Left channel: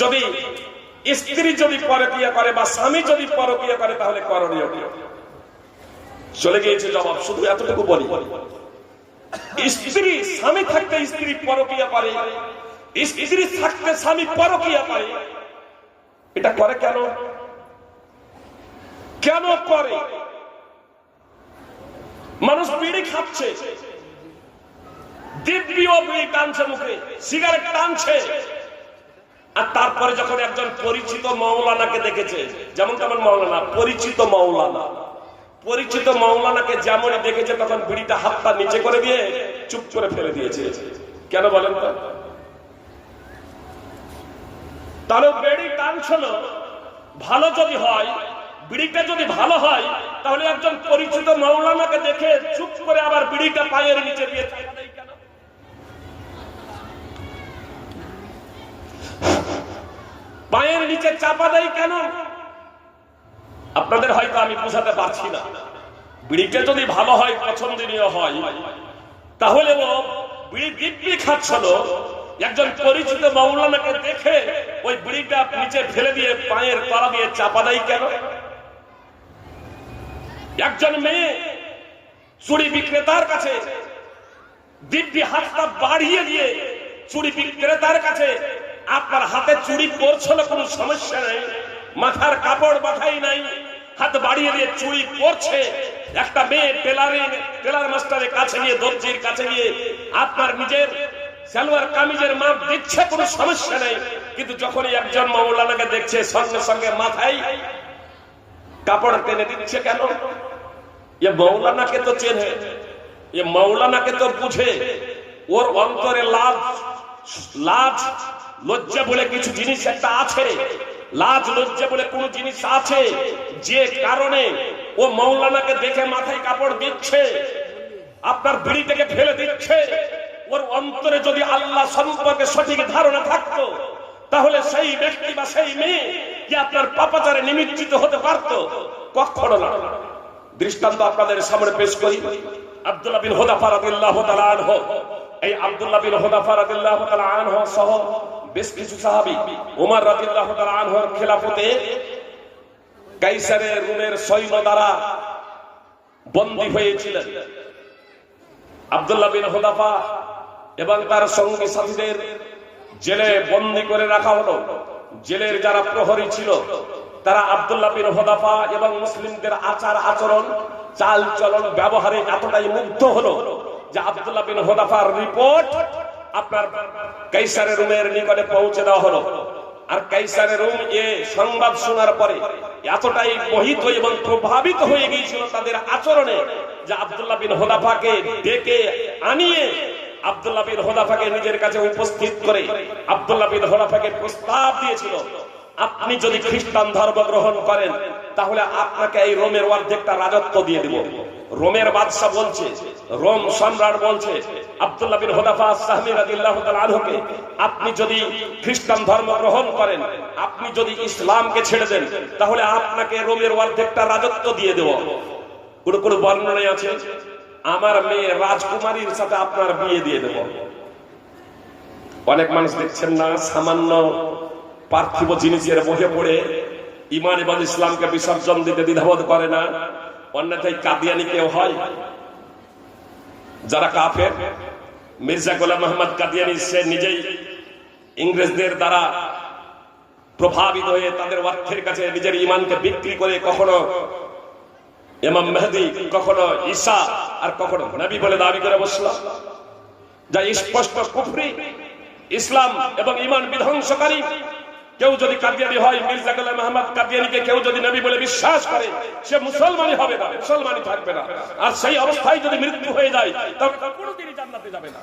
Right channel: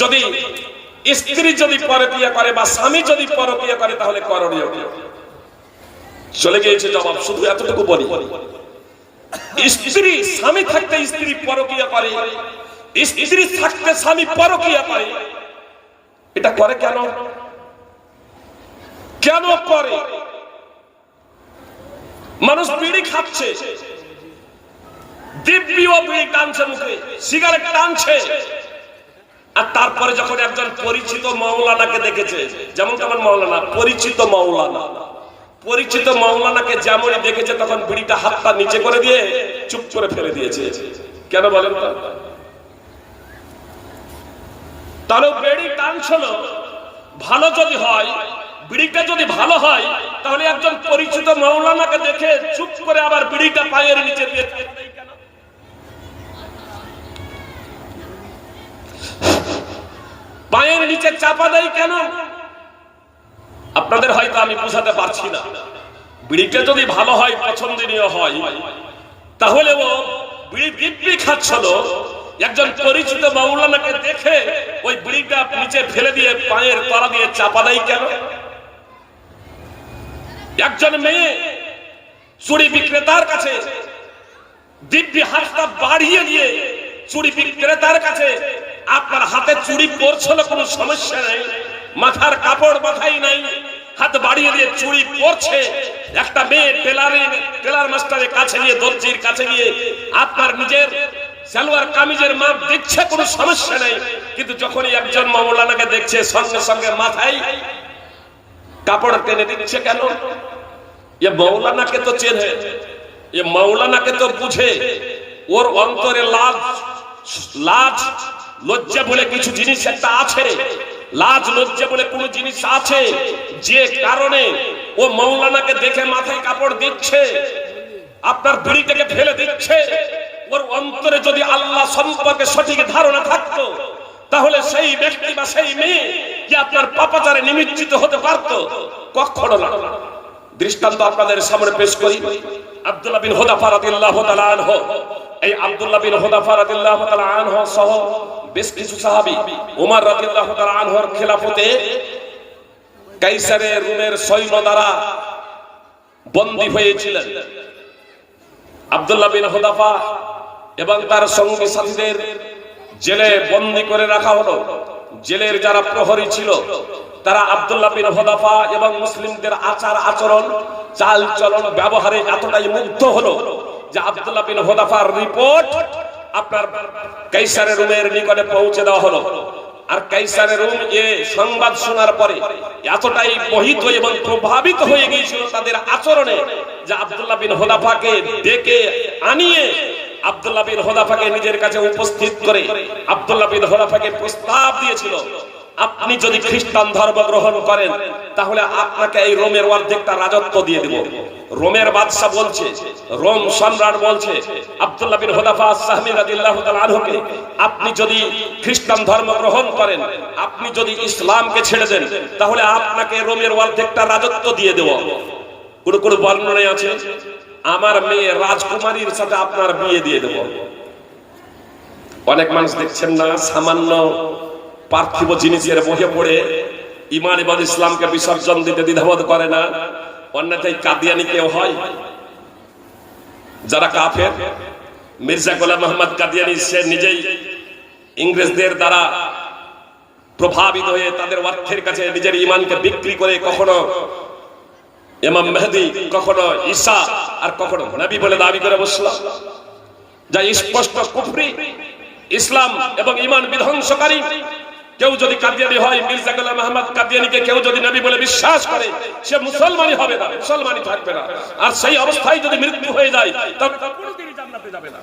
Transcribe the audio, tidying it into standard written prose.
যদি স্ত্রী যদি পরকীয়া করে বা স্বামী যদি পরকীয়া করে তাহলে করণীয় কি? চলে গিয়েছে জবাব। শুধু এতটুকু বলি, স্ত্রী স্বামী থাকতে স্ত্রী পরকীয়া করে, স্ত্রী থাকতে স্বামী পরকীয়া করে, এটা করে কেন? কেন করে? মানুষ বিড়ি খাচ্ছে, দিব্যিও বিড়ি টানছে, মুখে সিগারেট টানছে, আর তারপরে যখন একজন পরিচিত মাওলানাকে দেখেছে, যেমন তেমন মাওলানা, পরিচিত মাওলানাকে যেমনই দেখেছে তখন বিড়িটা হাতটা নিচে করে দিয়ে চুপ করে ফেলে দিয়েছে। কেন বলেন তো? তাহলে বিড়ি টানছিল ভালো যদি হয়, বিড়িটা যদি ভালো হয়, তাহলে একজন পরিচিত মাওলানাকে দেখে চুপ করে আবার বিড়িটা পায়ের নিচে দিয়ে চাপা দেয় কেন? পায়ের নিচে চাপা দেয় কেন? আপনাদের হয়তো আমি বোঝাতে পারছি না। বিড়িটা যদি ভালো হয়, পছন্দনীয় হয়, তাহলে ও বিড়ি দিব্যি খাচ্ছিল, একজন পরিচিত মাওলানাকে দেখে ওই বিড়িটা নিচে ফেলে দিয়ে পায়ের তলা দিয়ে চাপা দেয় কেন? একজন মেয়ে চুড়ি বিক্রেতার কাছে দিব্যি হাতটা বাড়িয়ে দিয়ে চুড়ি বিক্রেতার কাছে, আপনার হাতে চুড়ি পরছিল, কোনো সমস্যা নেই, মাথার কাপড় মাথায় নাই, হাত বাড়িয়ে দিয়ে চুড়ি পরছে, একটা মেয়ে টেলার মাস্টারের কাছে গিয়ে, দর্জির কাছে গিয়ে আপনার নিজের সালোয়ার কামিজের মাপ দিচ্ছে, কোনো সমস্যা নেই, কিন্তু যখনই একজন মাওলানাকে দেখছে সঙ্গে সঙ্গে মাথায় কাপড় টেনে দিচ্ছে কেন? এ মাওলানাকে তো চেনে, এ মাওলানাকে তো বুঝে, ওর অন্তরে লাজ লজ্জা বলে কিছু জিনিস একটা আছে, লাজ লজ্জা বলে কোন জিনিস আছে, যে কারণে ও মাওলানাকে দেখে মাথায় কাপড় দিচ্ছে, আপনার বিড়িটাকে ফেলে দিচ্ছে। ওর অন্তরে যদি আল্লাহ সম্পর্কে সঠিক ধারণা থাকতো, তাহলে সেই ব্যক্তি বা সেই মেয়ে কি আপনার পাপাচারে নিমজ্জিত হতে পারত? কখনো না। দৃষ্টান্ত আপনাদের সামনে পেশ করি। আব্দুল্লাহ বিন হুযাফা রাদিয়াল্লাহু তাআলা আনহু, এই আব্দুল্লাহ বিন হুযাফা রাদিয়াল্লাহু তাআলা আনহু সহ বেশ কিছু সাহাবী ওমর রাদিয়াল্লাহু তাআলা আনহুর খেলাফতে কাইসারের রোমের সৈন্য দ্বারা বন্দী হয়েছিলেন। আব্দুল্লাহ বিন হুযাফা এবং তার সঙ্গী সাথীদের জেলে বন্দী করে রাখা হলো। জেলের যারা প্রহরী ছিল তারা আব্দুল্লাহ বিন হুযাফা এবং মুসলিমদের আচার আচরণ, চাল চলন, ব্যবহারে এতটাই মুগ্ধ হলো যে আব্দুল্লাহ বিন হুযাফার রিপোর্ট আপনার কাইসারের রোমের নিকটে পৌঁছে দেওয়া হলো। আর কাইসারের রোম এ সংবাদ শোনার পরে এতটাই মোহিত এবং প্রভাবিত হয়ে গিয়েছিল তাদের আচরণে যে আব্দুল্লাহ বিন হুযাফাকে ডেকে আনিয়ে আব্দুল্লাহ বিন হুযাফাকে নিজের কাছে উপস্থিত করে আব্দুল্লাহ বিন হুযাফাকে প্রস্তাব দিয়েছিল, আপনি যদি খ্রিস্টান ধর্ম গ্রহণ করেন তাহলে আপনাকে এই রোমের অর্ধেকটা রাজত্ব দিয়ে দেব। রোমের বাদশা বলছে, রোম সম্রাট বলছে আব্দুল্লাহ বিন হুযাফা আস-সাহমি রাদিয়াল্লাহু তাআলা আনহুকে, আপনি যদি খ্রিস্টান ধর্ম গ্রহণ করেন, আপনি যদি ইসলামকে ছেড়ে দেন, তাহলে আপনাকে রোমের অর্ধেকটা রাজত্ব দিয়ে দেব। কোন বর্ণনায় আছে আমার মেয়ে রাজকুমারীর সাথে আপনার বিয়ে দিয়ে দেব। অনেক মানুষ দেখছেন না, সামান্য পার্থিব জিনিসের মোহে পড়ে ঈমান এবং ইসলামকে বিসর্জন দিতে দ্বিধাবোধ করে না। অন্যথায় কাদিয়ানি কেউ হয় যারা কাফের। মির্জা গোলাম মোহাম্মদ কাদিয়ানি সে নিজেই ইংরেজদের দ্বারা প্রভাবিত হয়ে তাদের অর্থের কাছে নিজের ঈমানকে বিক্রি করে কখনো ইমাম মেহেদী, কখনো ঈসা, আর কখনো নবী বলে দাবি করে বসলো, যা স্পষ্ট কুফরি, ইসলাম এবং ঈমান বিধ্বংসকারী। কেউ যদি কাদিয়ানি হয়, মির্জা গোলাম মোহাম্মদ কাদিয়ানিকে কেউ যদি নবী বলে বিশ্বাস করে, সে মুসলমানই হবে না, মুসলমানই থাকবে না। আর সেই অবস্থায় যদি মৃত্যু হয়ে যায় তবে কোনোদিনই জান্নাতে যাবে না।